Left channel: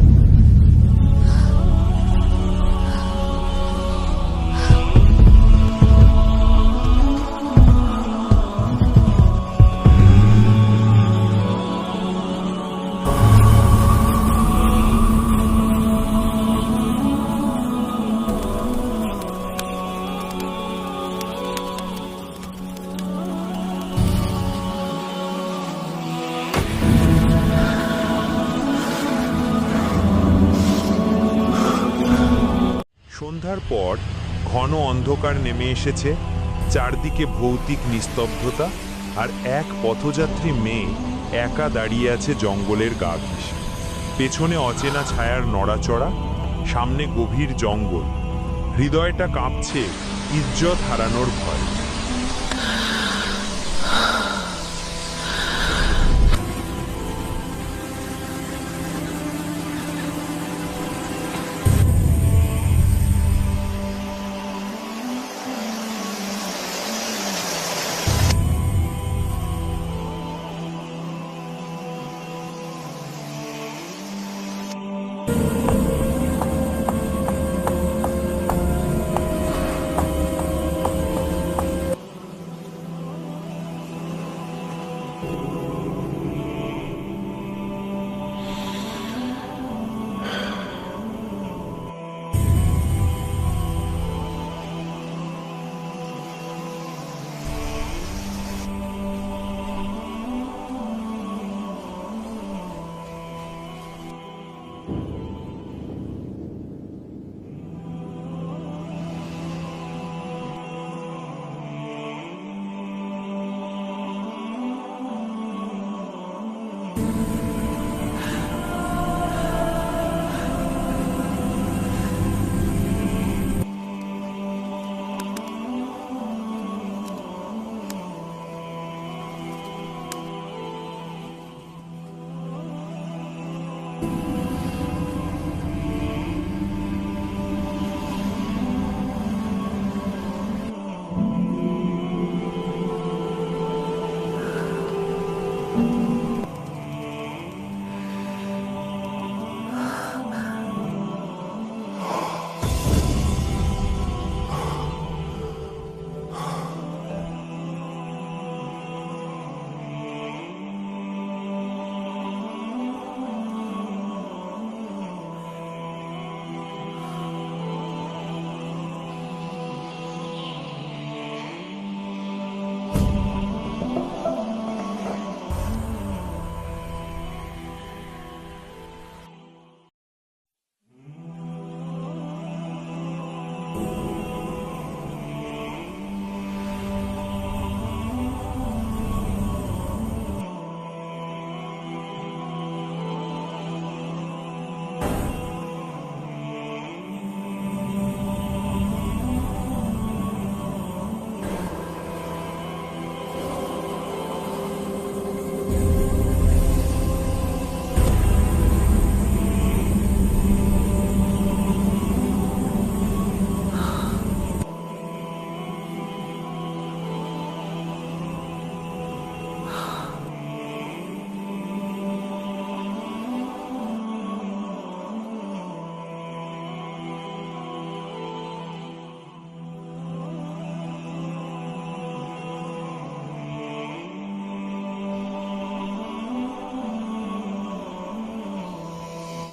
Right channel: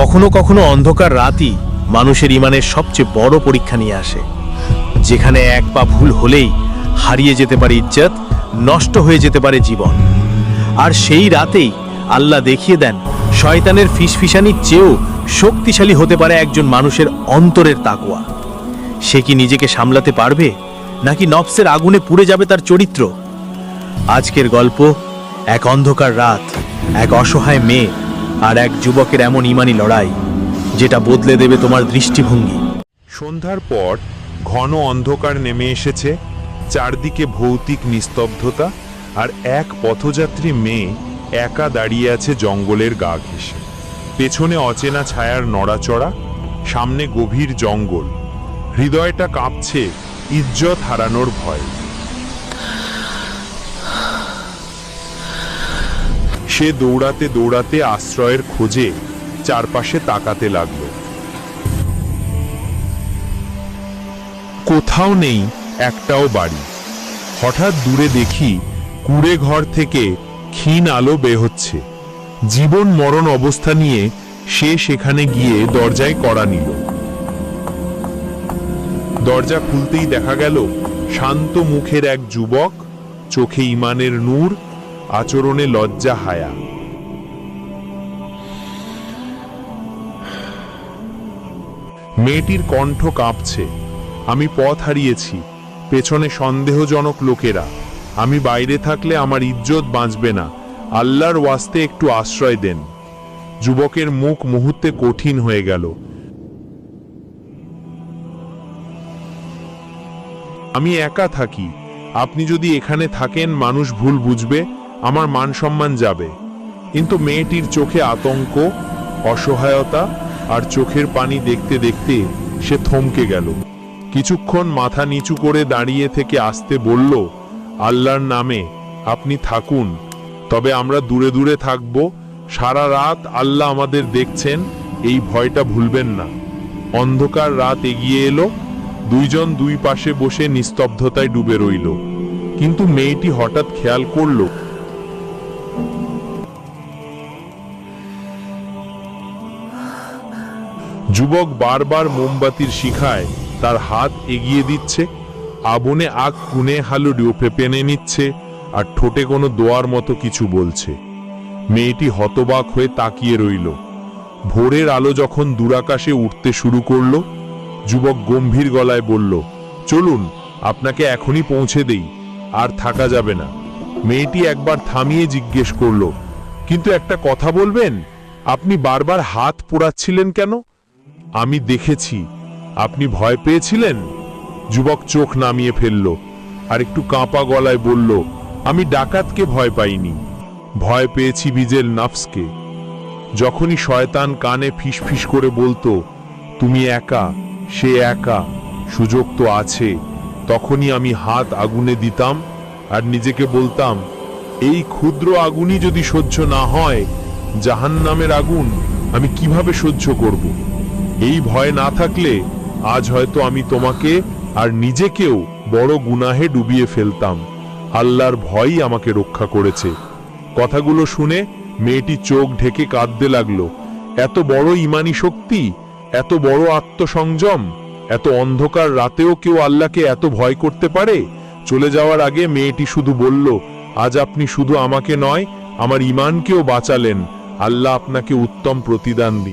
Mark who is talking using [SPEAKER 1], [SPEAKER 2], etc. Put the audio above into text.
[SPEAKER 1] কখনো কখনো অন্ধকার রাতই মানুষের ইমানের সবচেয়ে বড় পরীক্ষা নিয়ে আসে। যেখানে এক পা ভুল হলেই হারিয়ে যেতে পারে ইজ্জত, নষ্ট হয়ে যেতে পারে জীবন। আর সেই রাতেই আল্লাহ দেখিয়ে দেন, শয়তানের ফিসফিসানির চেয়েও শক্তিশালী হতে পারে একজন মানুষের অন্তরের তাকওয়া। সে কি নিজেকে সামলাতে পারবে, নাকি নফসের আগুনে পুড়ে যাবে তার চরিত্র? আজকের গল্প, এক অন্ধকার রাত, এক অসহায় মেয়ে। আর এক যুবকের এমন ইমানি লড়াই, যেটা বদলে দেবে তোমার দৃষ্টিভঙ্গি।
[SPEAKER 2] সন্ধ্যার পর ঘন অন্ধকার নেমে এসেছে, চারদিকে ভৌতিক নিস্তব্ধতা আর এক পথযাত্রী মেয়ে একা দাঁড়িয়ে আছে জঙ্গলের গা ঘেঁষে। পেছনে অচেনা ছায়ার নড়াচড়া, সামনে গভীর জঙ্গল। হৃদয়টা কাঁপছে, ইজ্জত হারানোর ভয়। সে দৌড়াতে দৌড়াতে আশ্রয়ের খোঁজে চারপাশে তাকাতে লাগল। কোথাও নেই, একটাও বাড়ি। হঠাৎ দূরে দেখি কুড়ে ঘর থেকে ক্ষীণ আলো বে হচ্ছে। জীবন মরণ অবস্থা নিয়ে সে সেখানে গিয়ে দরজায় কড়া নিল। দরজা খুলতেই দেখা গেল শান্ত মুখের এক যুবক, চোখে ইমানের নূর আচরণে লজ্জা হায়া। মেয়েটির কণ্ঠ কাঁপছে। আমি পথ হারিয়েছি। পেছনে সন্দেহজনক লোকেরা। আমি বাইরে থাকলে আমার ইজ্জত বাঁচবে না। আল্লাহর ওয়াস্তে একটু আশ্রয় দেন। যুবকের মুখ মুহূর্তে কঠিন হয়ে গেল। আমি একা থাকি। আপনি যদি এখানে থাকেন, মানুষ ভুল বুঝবে। আমার মান সম্মান যাবে। কিন্তু মেয়েটির চোখে আতঙ্ক, অসহায়তা আর চোখের পানি দেখতে দেখতে সে থমকে গেল। কিছুক্ষণ মাথা নিচু করে দাঁড়িয়ে থেকে আসতে বলল, আল্লাহর নামে আপনি থাকুন, তবে আমরা দূরে দূরে থাকব। সারা রাত আল্লাহ আমাদের দেখছেন, এই ভয়টা ভুলবেন না। অন্ধকার রাত এগিয়ে এলো। দুইজন দুই পাশে বসে নিস্তব্ধতায় ডুবে রইল। কিন্তু মেয়েটি হঠাৎ খেয়াল করল যুবক বারবার মোমবাতির শিখায়, তার হাত এগিয়ে দিচ্ছে, আবনে আগ কুনে হালু ডুপে পেনে নিচ্ছে, আর ঠোঁটে কোনো দোয়ার মতো কিছু বলছে। মেয়েটি হতবাক হয়ে তাকিয়ে রইল। ভোরের আলো যখন দুরাকাশে উঠতে শুরু করল, যুবক গম্ভীর গলায় বলল, চলুন, আপনাকে এখনই পৌঁছে দেই, আর থাকা যাবে না। মেয়েটি একবার থামিয়ে জিজ্ঞেস করল, কিন্তু একটা কথা বলবেন? আপনি বারবার হাত পোড়াচ্ছিলেন কেন? আমি দেখেছি। আপনি ভয় পেয়েছিলেন? যুবক চোখ নামিয়ে ফেলল, আর একটু কাঁপা গলায় বলল, আমি ডাকাতকে ভয় পাইনি। ভয় পেয়েছি বিজেল নাফসকে। যখনই শয়তান কানে ফিসফিস করে বলতো, তুমি একা, সে একা, সুযোগ তো আছে। তখনই আমি হাত আগুনে দিতাম, আর নিজেকে বলতাম, এই ক্ষুদ্র আগুনই যদি সহ্য না হয়, জাহান্নামের আগুন আমি কীভাবে সহ্য করব? এই ভয় না থাকলে আজ হয়তো আমি তোমাকে আর নিজেকেও বড় গুনাহে ডুবিয়ে ফেলতাম। আল্লাহর ভয়ই আমাকে রক্ষা করেছে। কথাগুলো শুনে মেয়েটি চোখ ঢেকে কাঁদতে লাগল। এত বড় ইমানি শক্তি, এত বড় আত্মসংযম, এত অন্ধকার রাতেও কেউ আল্লাহকে এত ভয় করতে পারে? চলে যাওয়ার আগে মেয়েটি শুধু বলল, আজ আপনি শুধু আমাকে নয়, আমার ইমানকেও বাঁচালেন। আল্লাহ আপনাকে উত্তম প্রতিদান দিন